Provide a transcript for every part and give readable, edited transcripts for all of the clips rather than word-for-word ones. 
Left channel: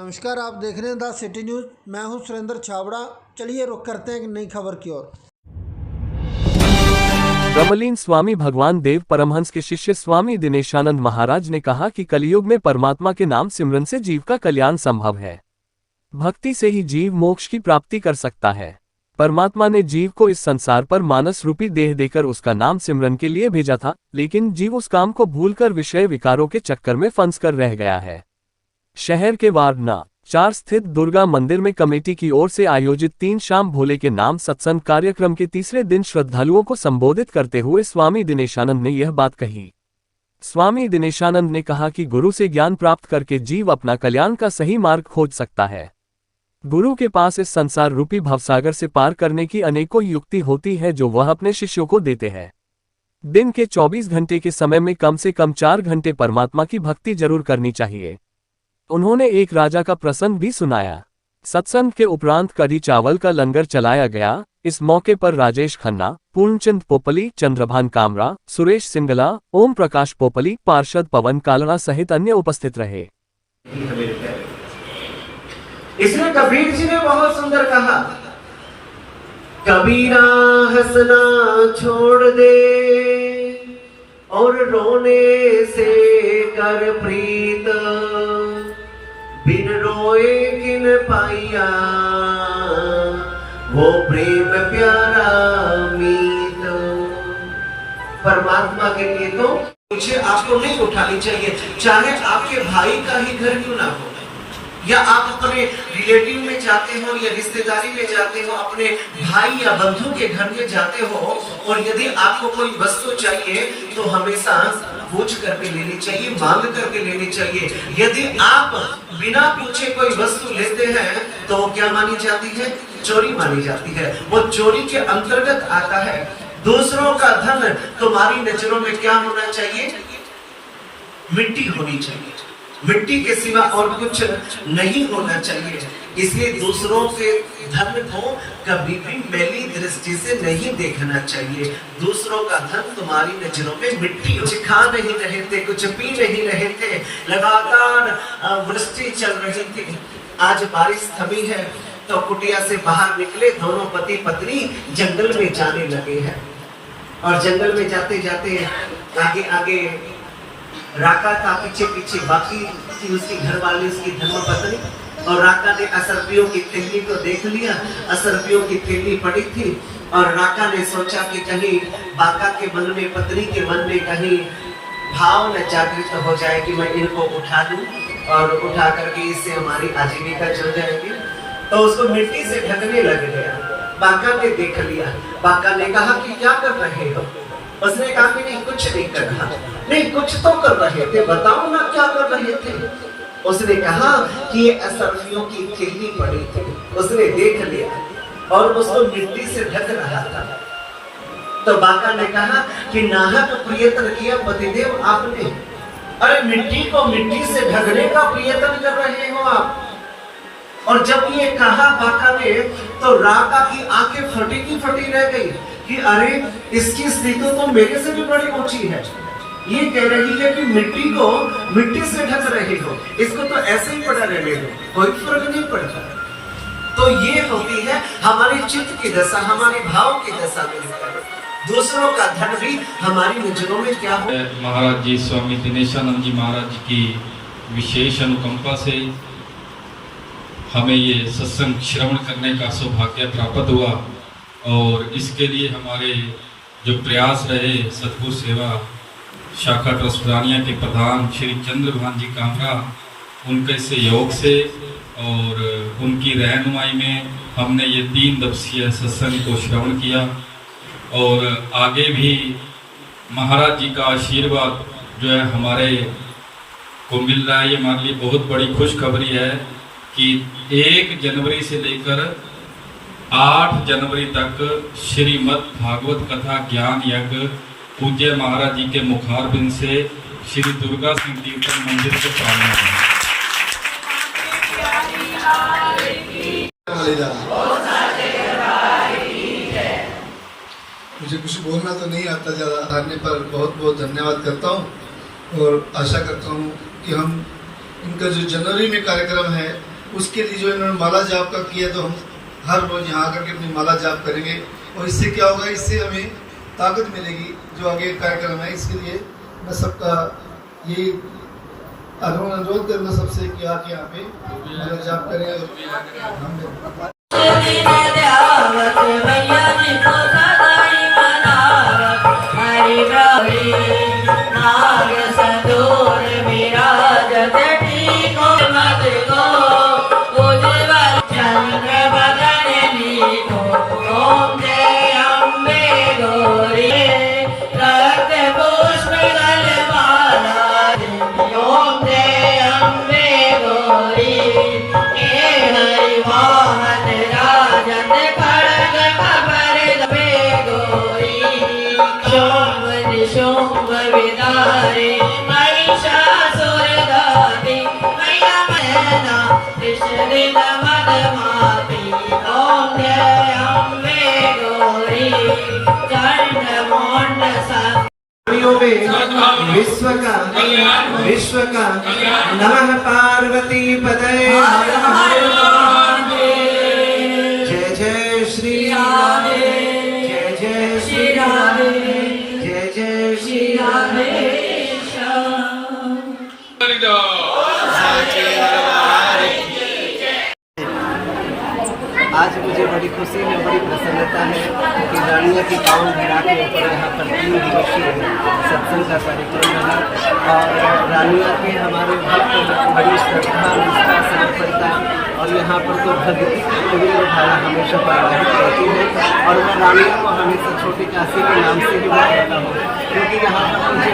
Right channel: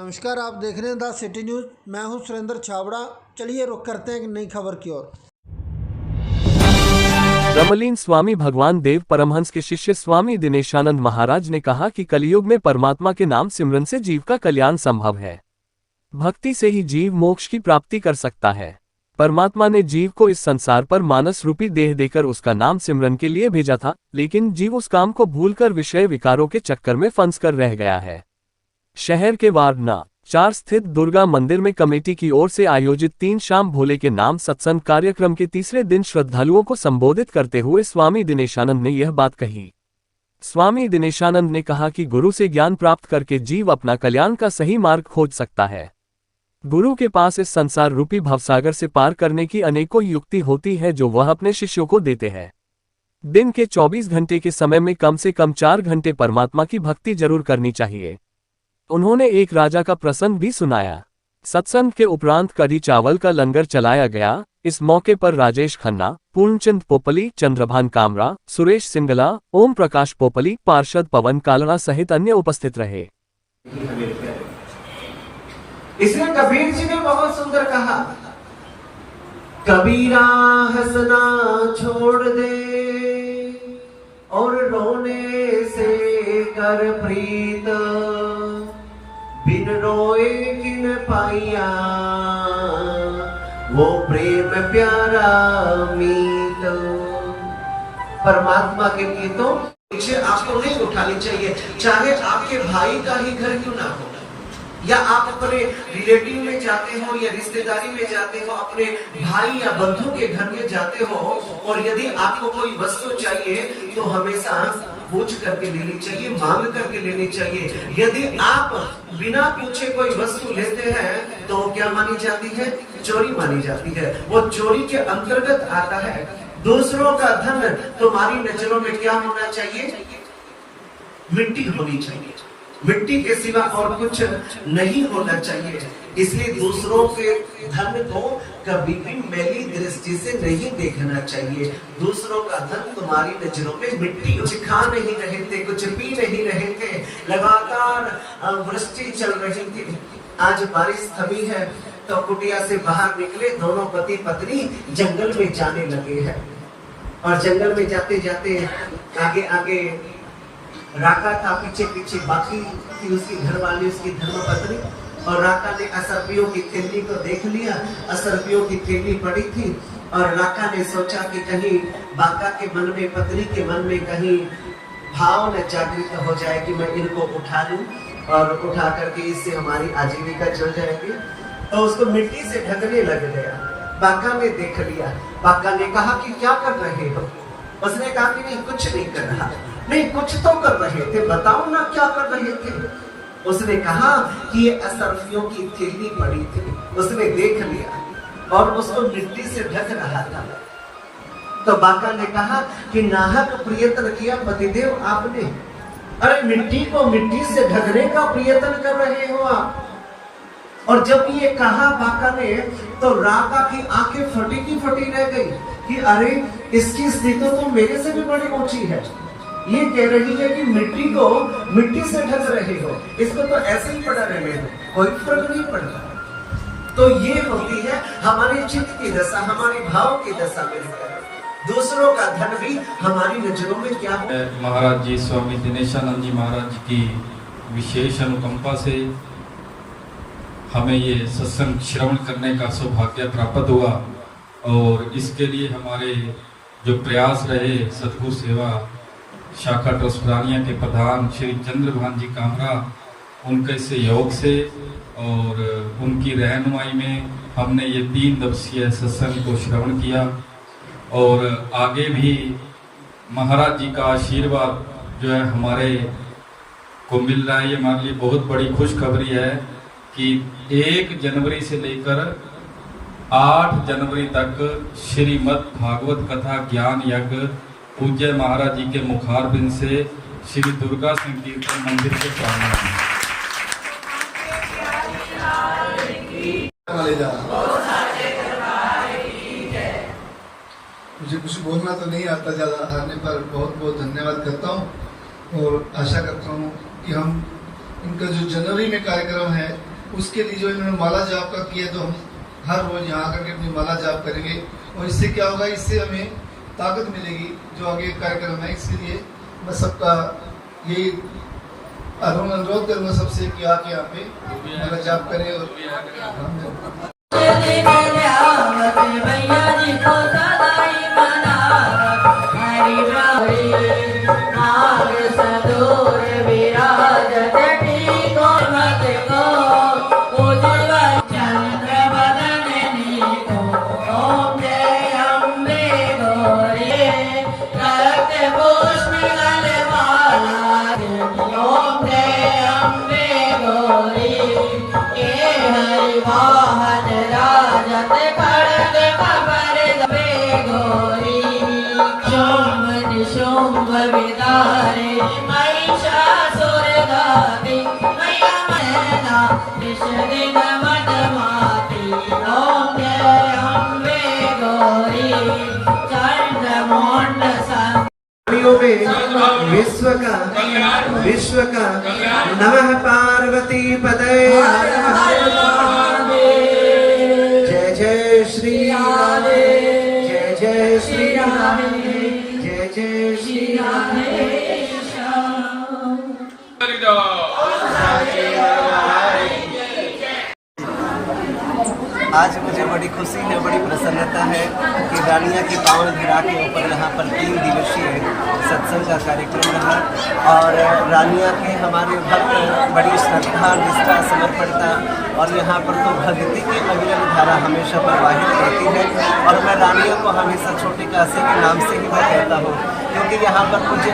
नमस्कार, आप देख रहे हैं द सिटी न्यूज़। मैं हूं सुरेंद्र छाबड़ा। चलिए रुक करते हैं एक नई खबर की ओर। ब्रह्मलीन स्वामी भगवान देव परमहंस के शिष्य स्वामी दिनेशानंद महाराज ने कहा कि कलयुग में परमात्मा के नाम सिमरन से जीव का कल्याण संभव है। भक्ति से ही जीव मोक्ष की प्राप्ति कर सकता है। परमात्मा ने जीव को इस संसार पर मानस रूपी देह देकर उसका नाम सिमरन के लिए भेजा था, लेकिन जीव उस काम को भूलकर विषय विकारों के चक्कर में फंस कर रह गया है। शहर के वारना 4 स्थित दुर्गा मंदिर में कमेटी की ओर से आयोजित 3 शाम भोले के नाम सत्संग कार्यक्रम के तीसरे दिन श्रद्धालुओं को संबोधित करते हुए स्वामी दिनेशानंद ने यह बात कही। स्वामी दिनेशानंद ने कहा कि गुरु से ज्ञान प्राप्त करके जीव अपना कल्याण का सही मार्ग खोज सकता है। गुरु के पास इस संसार रूपी भवसागर से पार करने की अनेकों युक्ति होती है जो वह अपने शिष्यों को देते हैं। दिन के 24 घंटे के समय में कम से कम 4 घंटे परमात्मा की भक्ति जरूर करनी चाहिए। उन्होंने एक राजा का प्रसंग भी सुनाया। सत्संग के उपरांत कढ़ी चावल का लंगर चलाया गया। इस मौके पर राजेश खन्ना, पूर्णचंद पोपली, चंद्रभान कामरा, सुरेश सिंगला, ओम प्रकाश पोपली, पार्षद पवन कालड़ा सहित अन्य उपस्थित रहे। इसलिए कबीर जी ने बहुत सुंदर कहा, कबीरा हंसना छोड़ दे और रोने से कर प्रीत, बिन रोए किन पाइया वो प्रेम प्यारा मीत। परमात्मा के लिए तो मुझे आपको नहीं उठानी चाहिए, चाहे आपके भाई का ही घर क्यों ना हो, या आप अपने रिलेटिव में जाते हो या रिश्तेदारी में जाते हो, अपने भाई या बंधु के घर में जाते हो, और यदि आपको कोई वस्तु चाहिए तो हमेशा पूछ करके लेनी चाहिए, मांग करके लेनी चाहिए। यदि आप बिना पूछे कोई वस्तु लेते हैं तो क्या मानी जाती है? चोरी मानी जाती है। वो चोरी के अंतर्गत आता है। दूसरों का धन तुम्हारी नजरों में क्या होना चाहिए? मिट्टी होनी चाहिए। मिट्टी के सिवा और कुछ नहीं होना चाहिए। इसलिए दूसरों के धन को कभी भी मैली दृष्टि से नहीं देखना चाहिए। दूसरों का धन तुम्हारी नजरों में मिट्टी। कुछ खा नहीं रहे थे, कुछ पी नहीं रहे थे, लगातार वृष्टि चल रही थी। आज बारिश थमी है तो कुटिया से बाहर निकले दोनों पति पत्नी जंगल में जाने लगे हैं। और जंगल में जाते जाते आगे आगे राका था, पीछे पीछे बाकी थी उसकी घरवाली, उसकी धर्मपत्नी। और राका ने असरपियों की थैली को देख लिया। असरपियों की थैली पड़ी थी और राका ने सोचा कि कहीं बाका के मन में, पत्नी के मन में कहीं भाव न जागृत हो जाए कि मैं इनको उठा लूं और उठा करके इससे हमारी आजीविका चल जाएगी। तो उसको मिट्टी से ढकने लग गया। बाका ने देख लिया। बाका ने कहा कि क्या कर रहे हो? उसने कहा कि नहीं, कुछ नहीं कर रहा। नहीं, कुछ तो कर रहे थे, बताओ ना क्या कर रहे थे? उसने कहा कि ये असरफियों की थैली पड़ी थी। उसने देख लिया और उसको मिट्टी से ढक रहा था। तो बाका ने कहा कि नाहक प्रयत्न किया पतिदेव आपने। अरे मिट्टी को मिट्टी से ढकने का प्रयत्न कर रहे हो आप। और जब ये कहा बाका ने तो राका की आंखें फटी की फटी रह गई कि अरे इसकी स्थिति तो मेरे से भी बड़ी ऊंची है। ये कह रही है कि मिट्टी को मिट्टी से ढक रहे हो, इसको तो ऐसे ही पड़ा रहने दो, कोई फर्क नहीं पड़ता। तो ये होती है हमारी चित्त की दशा, हमारी भाव की दशा में। दूसरों का धन भी हमारी नजरों में क्या हो। महाराज जी स्वामी दिनेशानंद जी महाराज की विशेष अनुकंपा से हमें ये सत्संग श्रवण करने का सौभाग्य प्राप्त हुआ। और इसके लिए हमारे जो प्रयास रहे, सतगुरु सेवा शाखा ट्रस्ट प्राणिया के प्रधान श्री चंद्रभान जी कामरा, उनके सहयोग से और उनकी रहनुमाई में हमने ये 3 दिवसीय सत्संग को श्रवण किया। और आगे भी महाराज जी का आशीर्वाद जो है हमारे को मिल रहा है। ये हमारे लिए बहुत बड़ी खुशखबरी है कि 1 जनवरी से लेकर 8 जनवरी तक श्रीमद् भागवत कथा ज्ञान यज्ञ पूज्य महाराज जी के मुखारबिंद से श्री दुर्गा संकीर्तन मंदिर के प्रांगण में। मुझे कुछ बोलना तो नहीं आता, ज़्यादा आने पर बहुत बहुत धन्यवाद करता हूँ और आशा करता हूँ कि हम इनका जो जनवरी में कार्यक्रम है उसके लिए जो इन्होंने माला जाप का किया, तो हम हर रोज यहाँ आकर के अपनी माला जाप करेंगे और इससे क्या होगा, इससे हमें ताकत मिलेगी जो आगे कार्यक्रम है। इसलिए मैं सबका ये अनुरोध करूँगा सबसे कि आके यहाँ पे माला जाप करें और विश्व का नमः पार्वती पतये हर हर महादेव। जय जय श्री राधे, जय जय श्री राधे, जय जय श्री राधे। आज मुझे बड़ी खुशी है, बड़ी प्रसन्नता है कि रानिया की पाँव भिड़ा के ऊपर यहाँ पर 3 दिवसीय सत्संग का कार्यक्रम रहा और रानिया के हमारे भक्त बड़ी श्रद्धा, निष्ठा, समर्पणता और यहाँ पर तो भक्ति की अविरल धारा हमेशा प्रवाहित रहती है। और मैं रानिया को हमेशा छोटी काशी के नाम से ही मैं कहता हूँ, क्योंकि यहाँ पर मुझे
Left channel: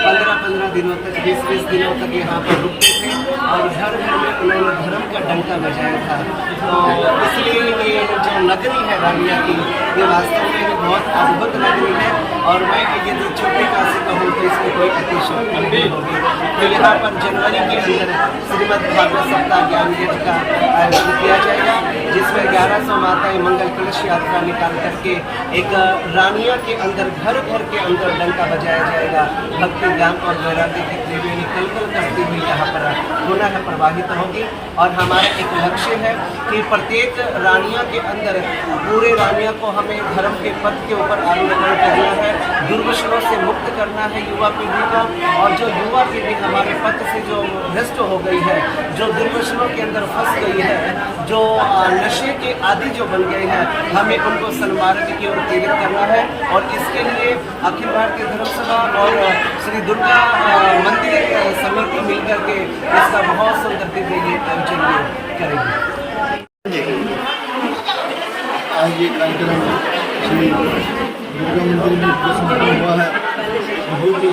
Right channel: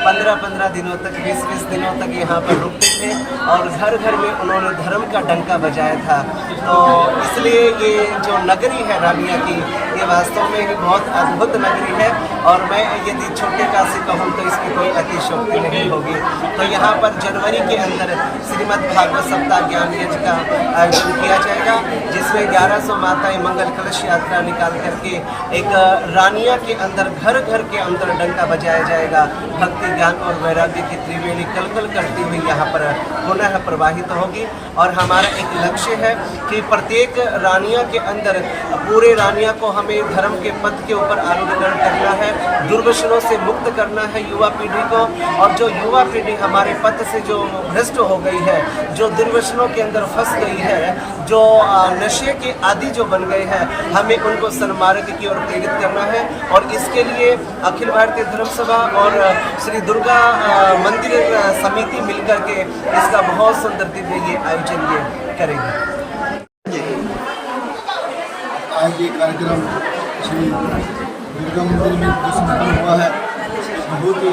15-15 दिनों तक, 20-20 दिनों तक यहाँ पर रुकते थे और घर घर में उन्होंने धर्म का डंका बजाया था। तो इसलिए ये जो नगरी है रानिया की, ये वास्तव में बहुत अद्भुत नगरी है और मैं यदि छोटे काशी कहूँ तो इसकी कोई अतिशयोक्ति नहीं होगी। तो यहाँ पर जनवरी के अंदर श्रीमद् भागवत सप्ताह ज्ञान यज्ञ का आयोजन किया जाएगा, जिसमें 1100 माताएं मंगल कलश यात्रा निकाल करके एक रानिया के अंदर घर घर के अंदर डंका बजाया जाएगा। भक्ति, ज्ञान और वैराग्य की त्रिवेणी कलकल करती हुई यहाँ पर पुनः प्रवाहित होगी। और हमारा एक लक्ष्य है कि प्रत्येक रानिया के अंदर पूरे रानिया को हमें धर्म के पथ के ऊपर आरोहण करना है, दुर्व्यसनों से मुक्त करना है युवा पीढ़ी को। और जो युवा पीढ़ी हमारे पथ से जो भ्रष्ट हो गई है, जो दुर्व्यसनों के अंदर फंस गई है, जो नशे के आदि जो बन गए हैं, हमें उनको सन्मार्ग की ओर प्रेरित करना है। और इसके लिए अखिल भारतीय धर्म सभा और श्री दुर्गा मंदिर समिति मिलकर के इसका बहुत सुंदर दिव्य ये आयोजन करेंगे। आज ये कार्यक्रम श्री दुर्गा मंदिर में संपन्न हुआ है, बहुत ही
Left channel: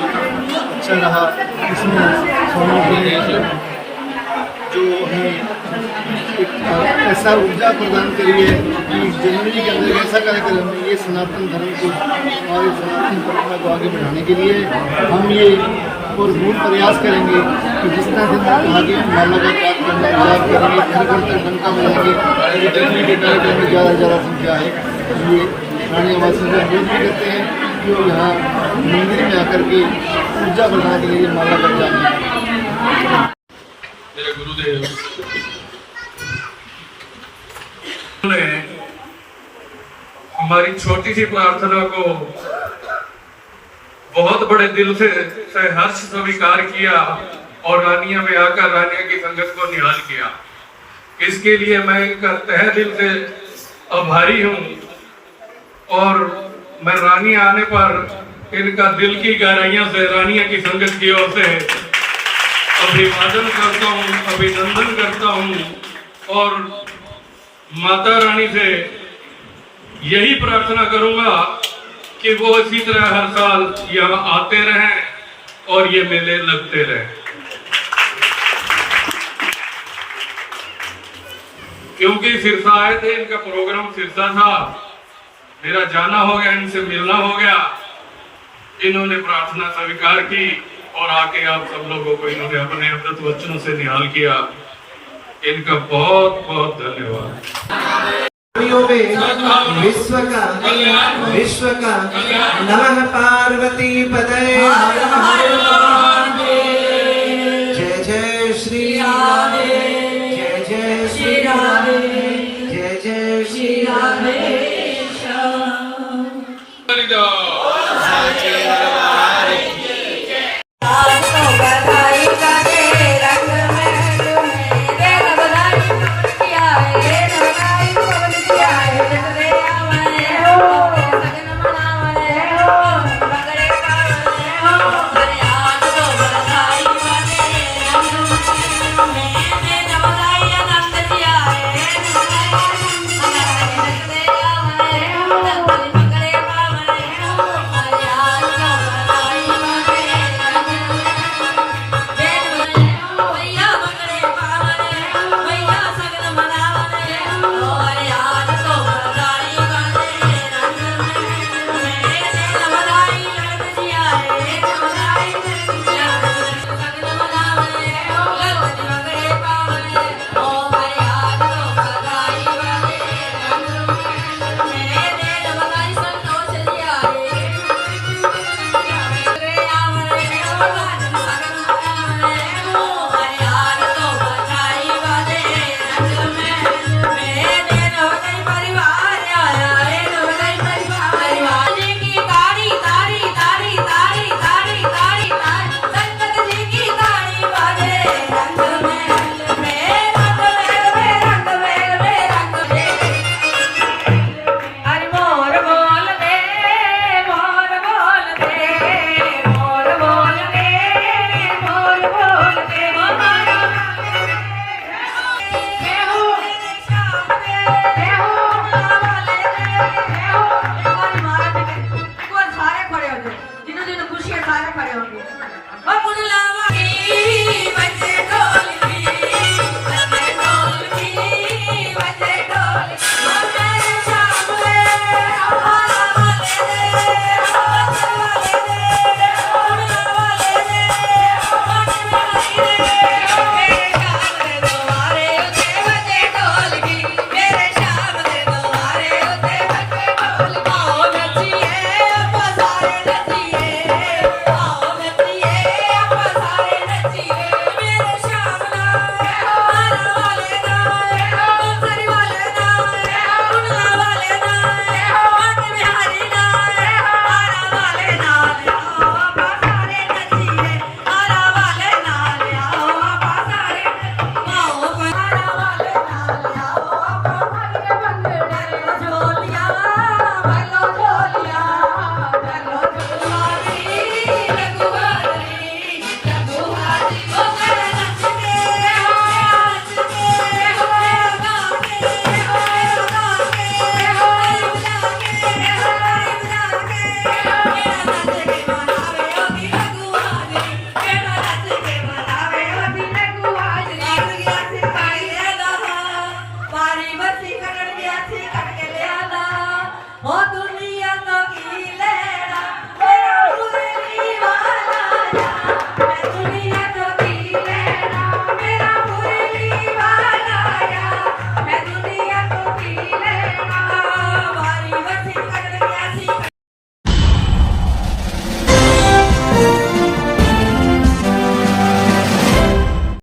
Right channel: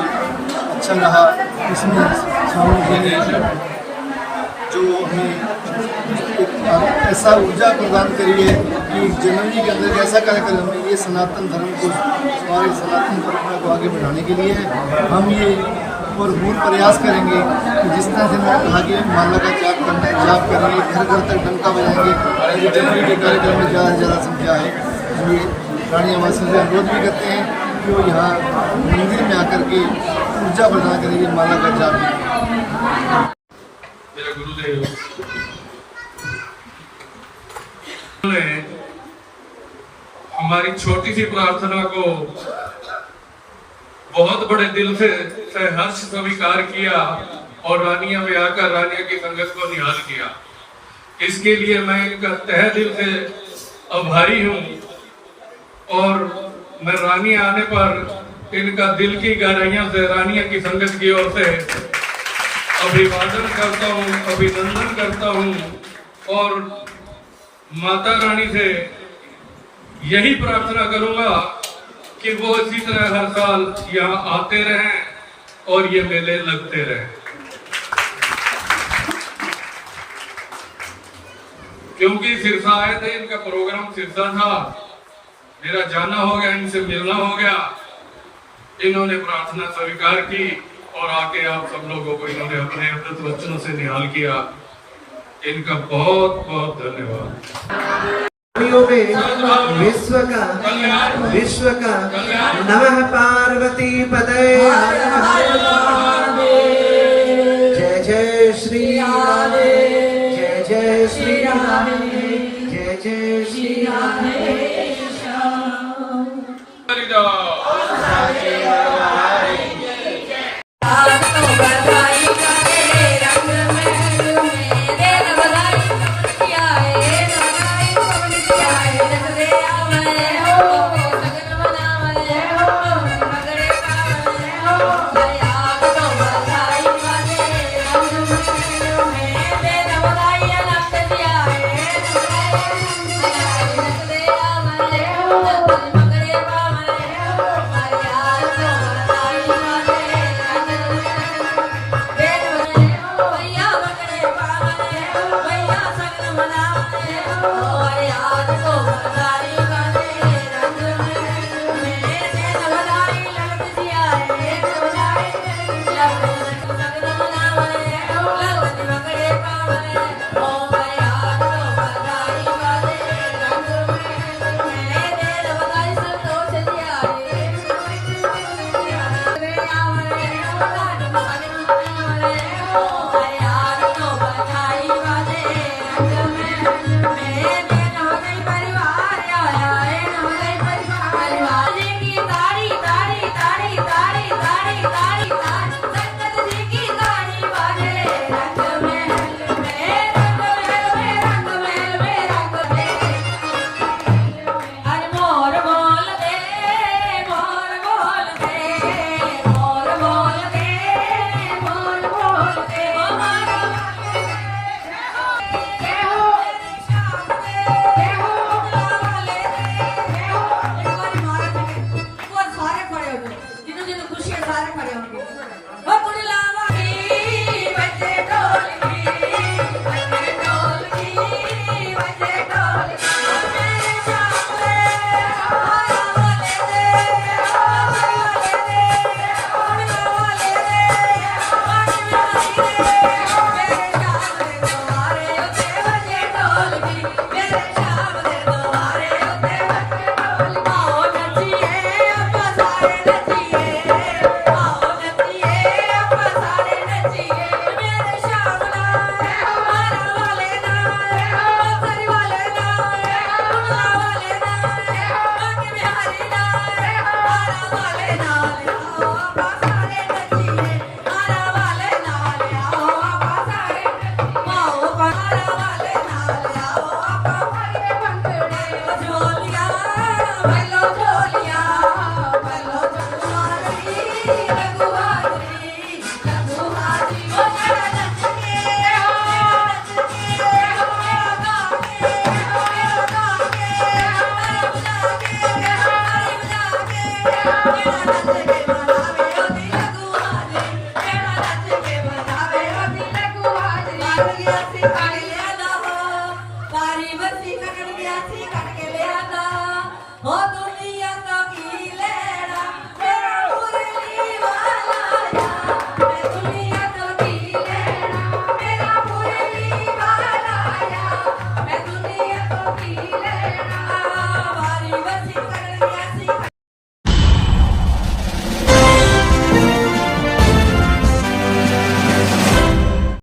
अच्छा रहा। इसमें स्वामी जी ने जो हमें एक ऐसा ऊर्जा प्रदान करी है कि जनवरी के अंदर ऐसा कार्यक्रम है, ये सनातन धर्म को, हमारे सनातन परंपरा को आगे बढ़ाने के लिए हम ये और पूर्ण प्रयास करेंगे कि जिस तरह से मैंने कहा कि माला का जाप करना है, जाप करेंगे, घर घर तक डंका बजाएंगे। ताकि जनवरी के कार्यक्रम में ज़्यादा से ज़्यादा संख्या है। ये रानिया वासियों से अनुरोध भी करते हैं कि वो यहाँ मंदिर में आकर के ऊर्जा प्रदान के लिए माला का जाप करें। मेरे गुरुदेव हमारी छोटी सी प्रार्थना को बहुत बड़े दिल से हर्ष स्वीकार किया और रानिया में आकर रानिया की संगत को निहाल किया। इसके लिए मैं इनका तहे दिल से आभारी हूँ और मैं रानिया आने पर इनका दिल की गहराइयों से रानिया की संगत की ओर से अभिवादन करता हूँ, अभिनंदन करता हूँ और माता रानी से यही प्रार्थना करूंगा कि वो इसी तरह हर साल यहाँ आते रहें और ये मेले लगते रहें, क्योंकि सिरसा आए थे, इनका प्रोग्राम सिरसा था, मेरा जाना हो गया, इनसे मिलना हो गया, इन्होंने प्रार्थना स्वीकार की और आके आप सब लोगों को इन्होंने अपने अमृत वचनों से निहाल किया। इनका बहुत बहुत धन्यवाद। विश्व का नमः पार्वती पतये हर हर